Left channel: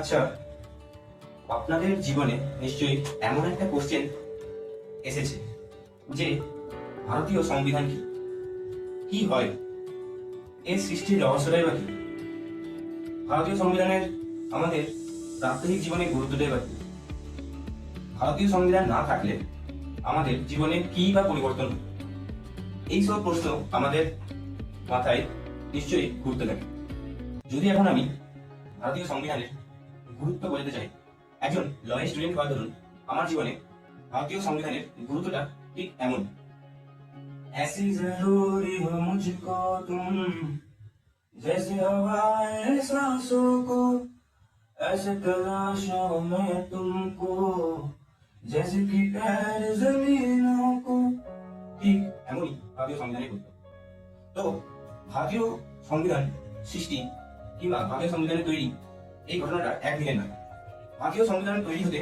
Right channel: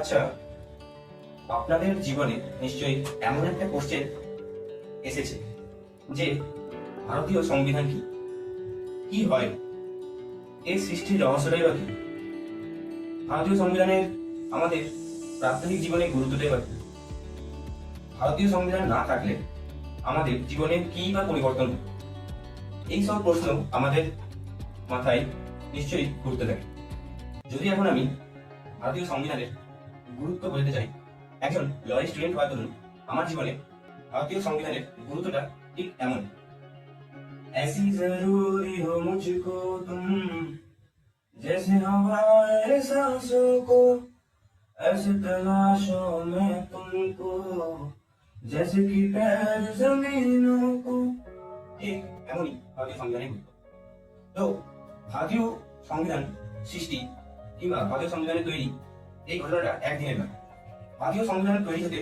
আচ্ছা, আপনাদের জীবনে নিশ্চয়ই এমন একটা কোশ্চেন এসেছে যে ভারতীয় সংবিধান কি, কি হয়, এর সৃষ্টির রহস্যটাই বা কি, ভারতীয় সংবিধানের আমাদের প্রাত্যহিক জীবনে গুরুত্বটাই বা কি, ভারতীয় সংবিধান না থাকলে আমাদের জীবনে কি বা পরিবর্তন হয়? এইসব প্রশ্ন আমাদের মাথায় নিশ্চয়ই ঘুরতে লাগে। যদি এখন আমি ভারতীয় সংবিধানের গুরুত্ব বলতে চাই, একজন লয়ের স্টুডেন্ট হওয়ার দরুন আমার জীবনে ভারতীয় সংবিধানের গুরুত্বটা ঠিক এমন। ऐसी जरूरी हो मुझको तुम, जैसे हवाएं सांसों को, ऐसे तलाशों में तुमको, जैसे कि पैर जमीनों को। ঠিক এমনই ভারতীয় সংবিধানের গুরুত্ব। তো ভারতীয় সংবিধান সৃষ্টি কিংবা ভারতীয় সংবিধানের তৈরি এই ঘটনাটা একদিনের নয়। ভারতীয় সংবিধান তৈরি হতে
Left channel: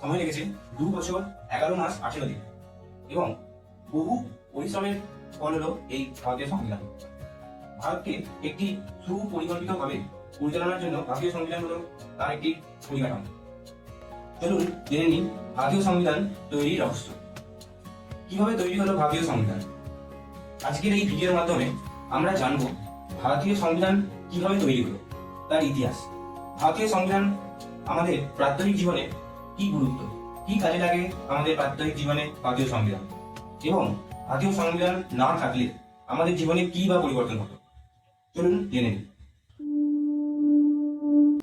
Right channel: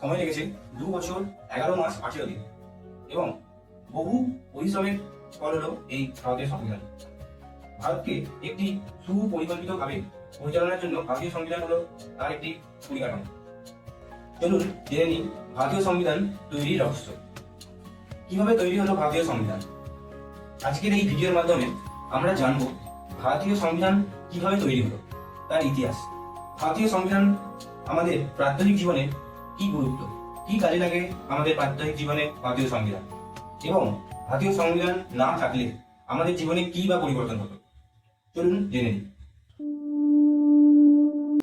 সময় লেগেছে 2 বছর 11 মাস 18 দিন এবং বহু পরিশ্রমের ফল হলো এই ভারতীয় সংবিধান। ভারতকে একটি সুপরিকল্পিতভাবে পরিচালনার জন্য ভারতীয় সংবিধান হলো তার একটি পরিকাঠামো। চলুন জেনে নিই ভারতীয় সংবিধান তৈরির রহস্য। কিভাবে তৈরি হলো ভারতীয় সংবিধান? আজকের এই ভিডিওর মাধ্যমে আমরা জানবো ভারতীয় সংবিধান কিভাবে তৈরি হলো, তার ইতিহাস, ভারতীয় সংবিধান আমাদের প্রাত্যহিক জীবনে কি গুরুত্ব, কি কাজে লাগে আমাদের প্রাত্যহিক জীবনে ভারতীয় সংবিধান, এবং ভারতীয় সংবিধান না থাকলে আমাদের জীবনে কি বা পরিবর্তন হতো। চলুন জেনে নিই।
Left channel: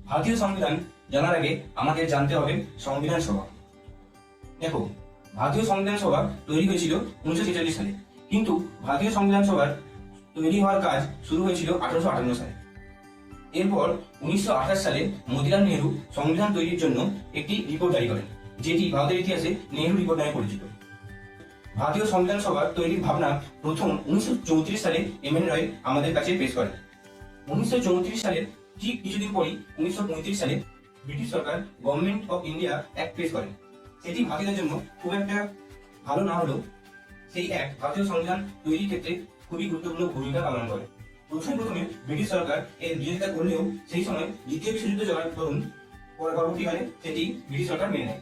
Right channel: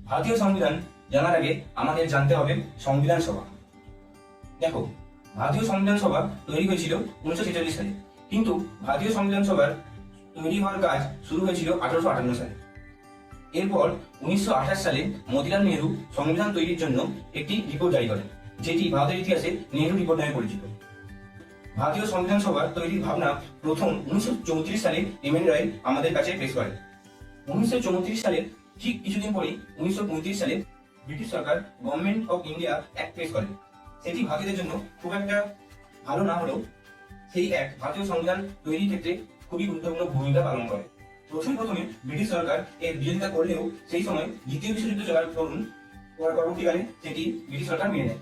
ভারতীয় সংবিধান জানার আগে আমাদের জানতে হবে সংবিধান সভা। দেখো, ভারতীয় সংবিধান সভা তৈরি হয়েছিল 1946 সালে, কিন্তু ভারতীয় সংবিধান সভার তৈরি হওয়ার কাজ শুরু হয়েছিল 1858 সালে। এরপর 1928 সালে মতিলাল নেহরু সংবিধান তৈরির জন্য একটি রিপোর্ট জারি করেন, যেটি ভারতের ইতিহাসে নেহরু রিপোর্ট নামে পরিচিত। ভারতীয় সংবিধান সভা তৈরির ভাবনা প্রথম 1934 সালে এম.এন. রায় আমাদের কাছে পেশ করেন। 1934 সালের ঠিক কিছুদিন পরেই 1935 সালে British Sarkar government of India act পেশ করেন। সেটি ভারতীয়দের জন্য খুব একটা ভালো না হলেও সেই অ্যাক্ট ভারতীয় সংবিধান তৈরির ক্ষেত্রে খুবই গুরুত্বপূর্ণ ভূমিকা পালন করে। প্রথমে ব্রিটিশ সরকার এর বিরোধিতা করলেও সেই সময় দ্বিতীয় বিশ্বযুদ্ধ চলার দরুন পরবর্তীকালে সেটি ব্রিটিশ সরকার মেনে নেয়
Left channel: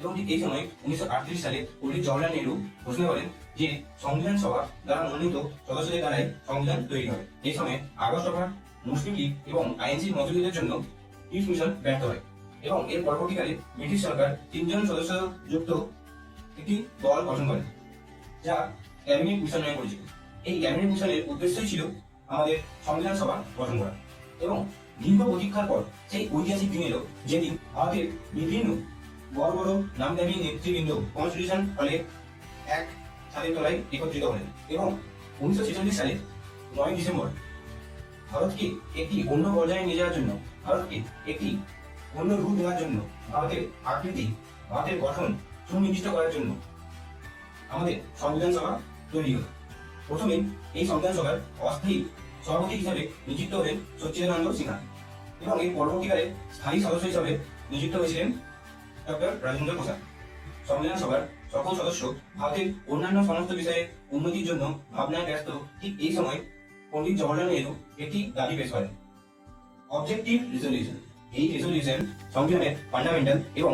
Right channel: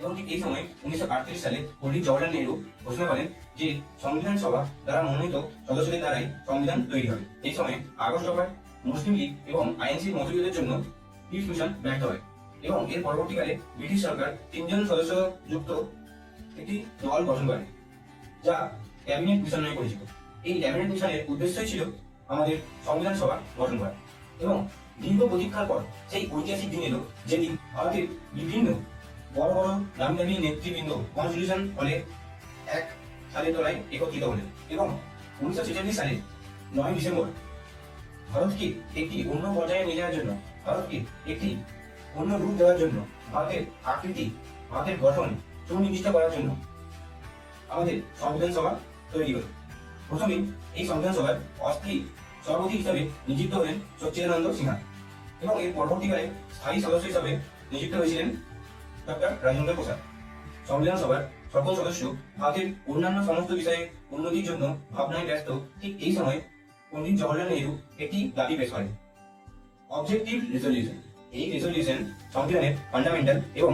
এবং ঠিক এই সময় 1938 সালে পণ্ডিত জওহরলাল নেহরু ঘোষণা করেন যে সংবিধান সভা দ্বারা মনোনীত সদস্যদের দ্বারাই সংবিধান তৈরি হবে। এই সময় আগস্ট দফার, মুসলিম লীগ এবং আইএনসির মতবিরোধের জন্য পিস মিশন ব্যর্থ হয় এবং এর পরবর্তীকালে ব্রিটিশ সরকার 3 জন সদস্য যুক্ত একটি দল গঠন করে, যা ক্যাবিনেট মিশন নামে পরিচিত। এই ক্যাবিনেট মিশনের উদ্দেশ্যই ছিল আমাদের সংবিধান সভা গঠন করা এবং দীর্ঘ প্রতীক্ষার পর সেই ঐতিহাসিক দিন এলো যেদিন ভারতের বিভিন্ন বড় বড় নামি দামি নেতৃবৃন্দ কনস্টিটিউশন হলে এক ছাদের তলায় একত্রিত হলেন এবং 1946 সালে 9 ডিসেম্বর ভারতকে একটি অন্য পর্যায়ে নিয়ে যাওয়ার জন্য, ভারতকে একটি অন্য রূপ দেওয়ার জন্য, ভারতের আকৃতি, ভারতের গঠন সুনির্দিষ্ট করার জন্য আমাদের সংবিধান সভা তৈরি হল। প্রথমে এই সংবিধান সভার অস্থায়ী সভাপতি হিসাবে নিযুক্ত হলেন সচ্চিদানন্দ সিনহা এবং এর পরবর্তীকালে স্থায়ী সদস্য হিসাবে নিযুক্ত হয়েছিলেন ডক্টর রাজেন্দ্র প্রসাদ। সংবিধান সভার সকল সদস্য ভারতের অন্যান্য সমস্ত বিষয়ে উন্নতির জন্য ভাবনায় ব্যস্ত। ঠিক এই সময় পণ্ডিত জওহরলাল নেহরু একটি দাবি পেশ করেন, অবজেক্টিভ রেজলিউশন। এই রেজলিউশন সংবিধানের ফান্ডামেন্টাল এবং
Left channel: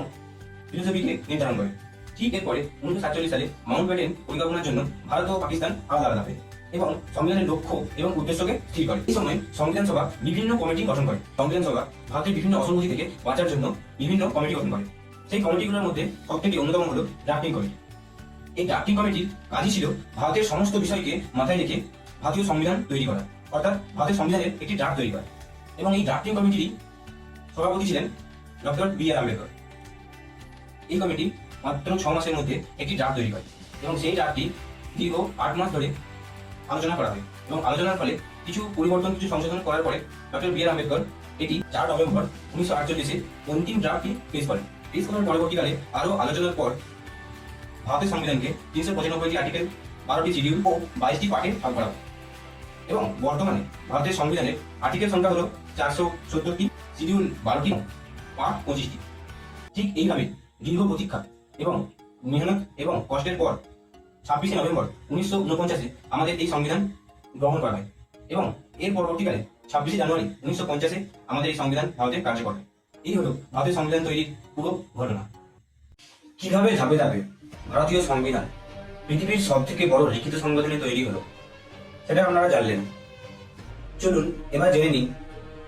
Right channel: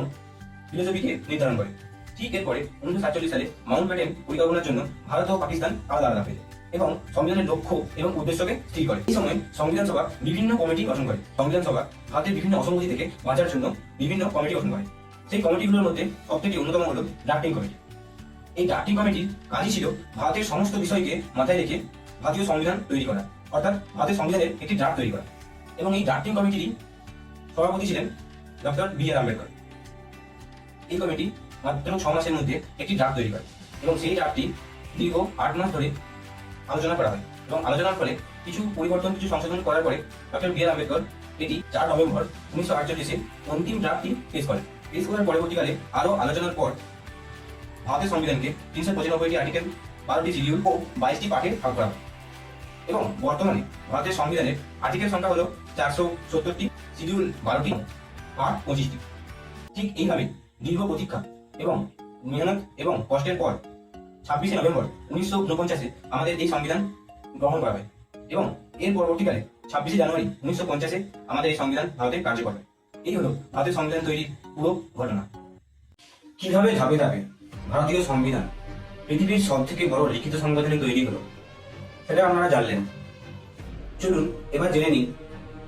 ফিলোসফিকে নির্ধারণ করে। ঠিক এরপরে 1947 সালে মাউন্ট ব্যাটেন পরিকল্পনার জন্য ভারত ও পাকিস্তান আলাদা আলাদা পেল এবং সংবিধানের লক্ষ্য এবং উদ্দেশ্যকে স্থির করে। এই সময় সংবিধান সভা বিভিন্ন কমিটি গঠন করে। সংবিধান সভা ভারতের বিভিন্ন অসঙ্গতি থেকে বাঁচার জন্য বিভিন্ন কমিটি গঠন করে। সেই কমিটিগুলোর মধ্যে সবথেকে অন্যতম হলো ড্রাফটিং কমিটি। এই ড্রাফটিং কমিটির কাজই ছিল ভারতের সমস্ত বিষয়কে মাথায় রেখে ভারতীয় সংবিধান তৈরি করা, অর্থাৎ ভারতের সংবিধানের একটি ড্রাফট তৈরি করা। এবং এই ড্রাফটিং কমিটির সভাপতি ছিলেন ডক্টর বি.আর. আম্বেদকর। এই কমিটি মাত্র 6 মাসের মধ্যে একটি ড্রাফট তৈরি করে এবং সেই ড্রাফটটি দীর্ঘ 8 মাস ধরে আলোচনা করা হয় এবং আলোচনার ফলে কিছু পরিবর্তন, কিছু সংশোধন করার পরে ডক্টর বি.আর. আম্বেদকর এটি 4 নভেম্বর 1948 অন্তিম ড্রাফটটি পেশ করেন। পেশ করার পরবর্তীকালে আরও আলোচনার পর ভারতের সংবিধানকে 395টি আর্টিকেল, 12টি শিডিউল ও 22টি পার্টে ভাগ করা হয় এবং বর্তমানে ভারতের সংবিধানের আর্টিকেল সংখ্যা হলো 470টি, শিডিউল 12টি, পার্ট 25টি। ঠিক এইভাবে দীর্ঘ প্রতীক্ষা এবং মেহনত এবং কষ্টের পর 26শে নভেম্বর 1949 আমাদের এই সংবিধান গ্রহণ করা হয় এবং এর পরবর্তীকালে 26শে জানুয়ারি 1950 আমাদের এই সংবিধান ভারতে কার্যকর হয়। এই হলো ভারতীয় সংবিধান তৈরির পুরো ঘটনা। কিভাবে ধাপে ধাপে ভারতীয় সংবিধান পৃথিবীর সব থেকে বড় লিখিত সংবিধানে তৈরি হলো সেটা আপনারা জানলেন। চলুন এবার জেনে নিন,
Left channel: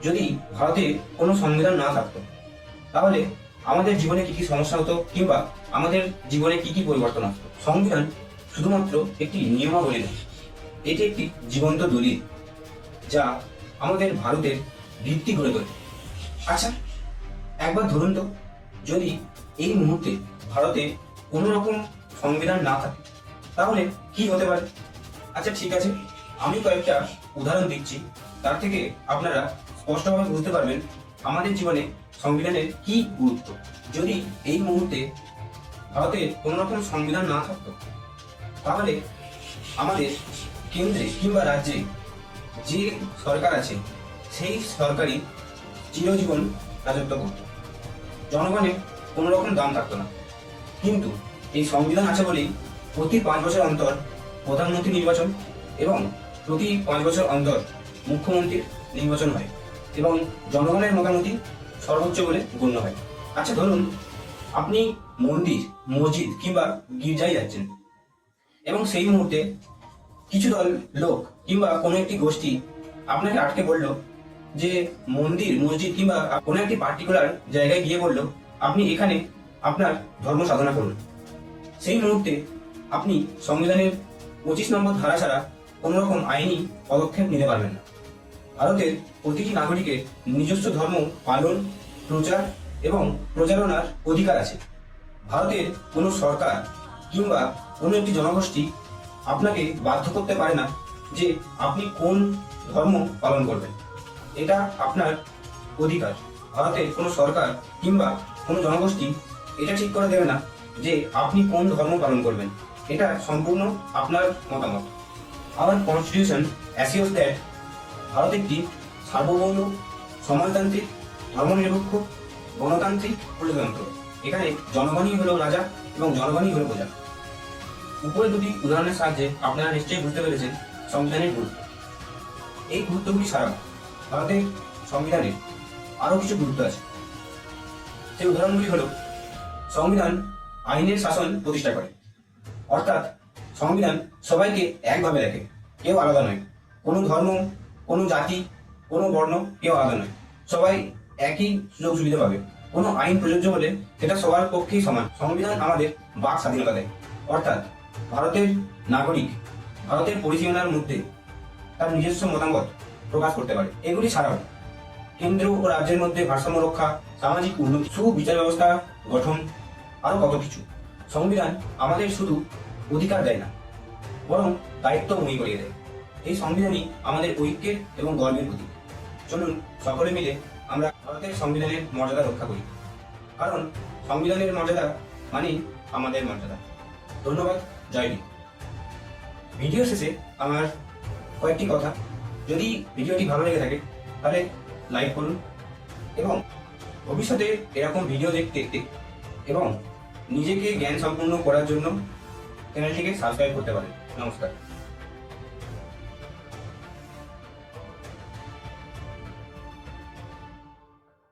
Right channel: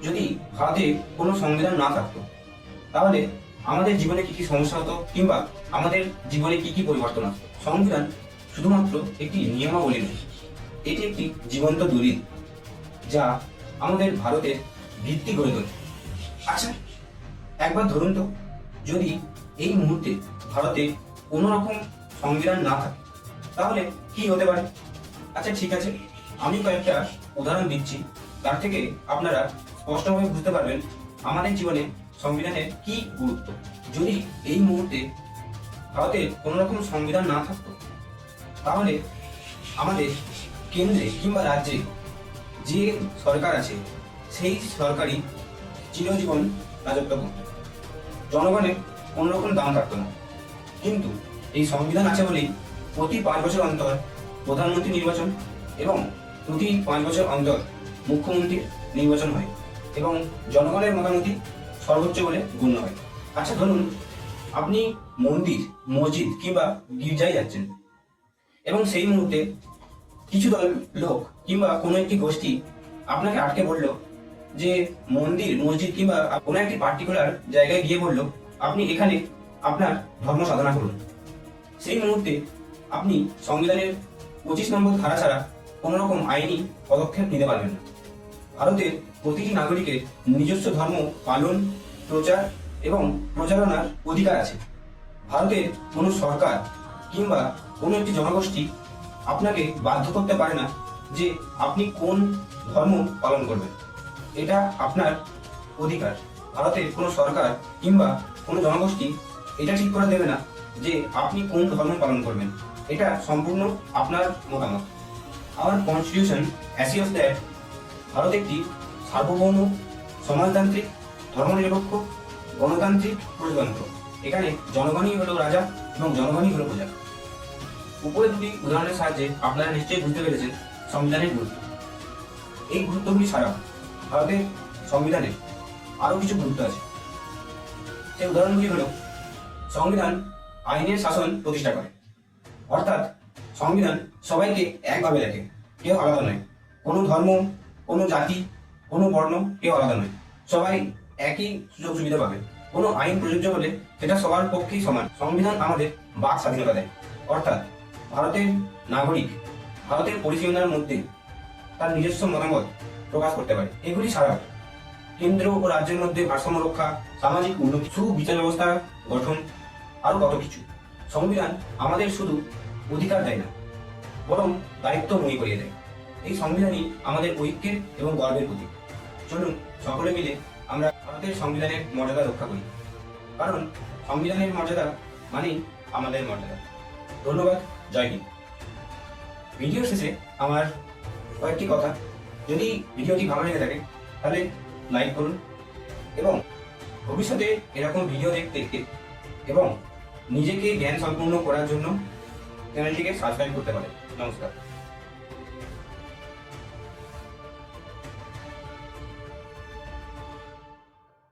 যদি ভারতে কোনো সংবিধান না থাকতো তাহলে আমাদের জীবনে কি কি সমস্যা হতো কিংবা আমাদের জীবনে কি কি পরিবর্তন আসতো। সংবিধান শুধুমাত্র একটি নিয়মাবলী নয়, এটি একটি জীবন্ত দলিল যা আমাদের ভারতের ভিত্তি গড়ে তোলে। আচ্ছা, একবার ধরুন তো, যদি এই মুহূর্তে ভারতে কোনো রকম সংবিধান না থাকে তাহলে কি হতে পারে? আচ্ছা ঠিক আছে, আমি কয়েকটা উদাহরণ দিচ্ছি, তার থেকে আপনারা স্পষ্টভাবে বুঝতে পারবেন আমাদের জীবনে সংবিধানের কি গুরুত্ব। যদি এই মুহূর্তে ভারতে কোনো রকম সংবিধান না থাকতো তাহলে আমাদের কেন্দ্রে কিংবা রাজ্যে যে সরকার আছে সেই সরকারই চিরজীবন রাজত্ব করত, জনগণের কোনো রকম দাম থাকতো না। কিন্তু এই সংবিধান আছে বলেই প্রতি 5 বছর অন্তর প্রধানমন্ত্রী নির্বাচন এবং প্রতি 5 বছর অন্তর মুখ্যমন্ত্রীর নির্বাচন হয় এবং জনগণের মতামতই সর্বোচ্চ বলে গণ্য হয়। আচ্ছা ধরুন, আপনি মন্দির, মসজিদ কিংবা গির্জায় যাচ্ছেন এবং সেই মুহূর্তে কিছু দল লোক কিংবা কোনো একটি গোষ্ঠী আপনাকে আটকে বলল যে মন্দির, মসজিদ কিংবা কোনো একটি পার্টিকুলার জায়গায় গিয়ে বলল আপনি এখানে আপনার ধর্ম সাধনা করুন। সেই মুহূর্তে আপনি সংবিধানের 25 নম্বর ধারা ছাড়া কোনো রকম আইনি পদক্ষেপ নিতে পারবেন না। ভারতের প্রতিটি নাগরিকের নিজস্ব ধর্ম পালন, প্রচার এবং প্রচারণার অধিকার আছে। ভারতের কোনো সরকার কিংবা কোনো একটি জনগোষ্ঠী আপনাকে বাধ্য করতে পারে না যে আপনি কোন ধর্ম পালন করবেন। এটা আপনার অধিকার। ভারতের কোনো সরকার কিংবা কোনো জনগোষ্ঠী এটা ঠিক করে দেবে না যে আপনি কোন ধর্ম পালন করবেন। এটা সম্পূর্ণ আপনার মতামত। আওয়ার কনস্টিটিউশন অ্যাসিওস দ্যাট ভারত একটি সার্বভৌম, সমাজতান্ত্রিক, ধর্মনিরপেক্ষ, গণতান্ত্রিক প্রজাতন্ত্র। এখানে জনগণই হলো রাজা এবং জনগণই হলো প্রজা। উপরে দুটি উদাহরণের সাহায্যে আপনারা নিশ্চয়ই বুঝতে পেরেছেন সংবিধানের গুরুত্ব। এই গুরুত্বগুলি ছাড়া ভারতের সংবিধানে আরো কিছু গুরুত্ব আছে। সেই উদাহরণগুলি হলো, সংবিধান আইনের শাসন প্রতিষ্ঠা করে, অর্থাৎ সংবিধান সবাইকে একভাবে দেখে, কেউ আলাদা নয়। কোনো ধর্ম, কোনো জাতি, কোনো বর্ণ কেউ আলাদা নয়, সবাই একই সুযোগ সুবিধা পাবে। কোনো আইন প্রযোজ্য হলে সেটা সবার পক্ষেই সমান। সংবিধান আমাদের বাক স্বাধীনতা দেয়, অর্থাৎ ভারতের নাগরিক ভারতের পরিসীমানার মধ্যে তার নিজস্ব মতামত প্রকাশ করতে পারে। এগুলি ছাড়াও কেন্দ্র ও রাজ্যের মধ্যে ভারসাম্য রক্ষা, সামাজিক উন্নতি, সুবিচার ব্যবস্থা গঠন, আরো কত কিছু। সংবিধান আমাদের শুধু অধিকার দেয় না, বরং দায়িত্ব মনে করিয়ে দেয়। এই সংবিধানই আমাদের ঐক্যের এবং গর্বের প্রতীক। চলুন সকলে মিলে আমরা ভারতের সংবিধানের মর্যাদা রক্ষা করি, কারণ সংবিধানের মর্যাদা মানে আমাদের মর্যাদা। ধন্যবাদ, জয় হিন্দ। ভিডিও শেষে আমার কয়েকটি কথা, যদি ভিডিওটি ভালো লেগে থাকে তাহলে লাইক করুন এবং ভবিষ্যতে এরকম ভিডিও দেখতে এবং নিজেকে জ্ঞান সম্পন্ন করার জন্য চ্যানেলটিকে সাবস্ক্রাইব করতে পারেন। নমস্কার।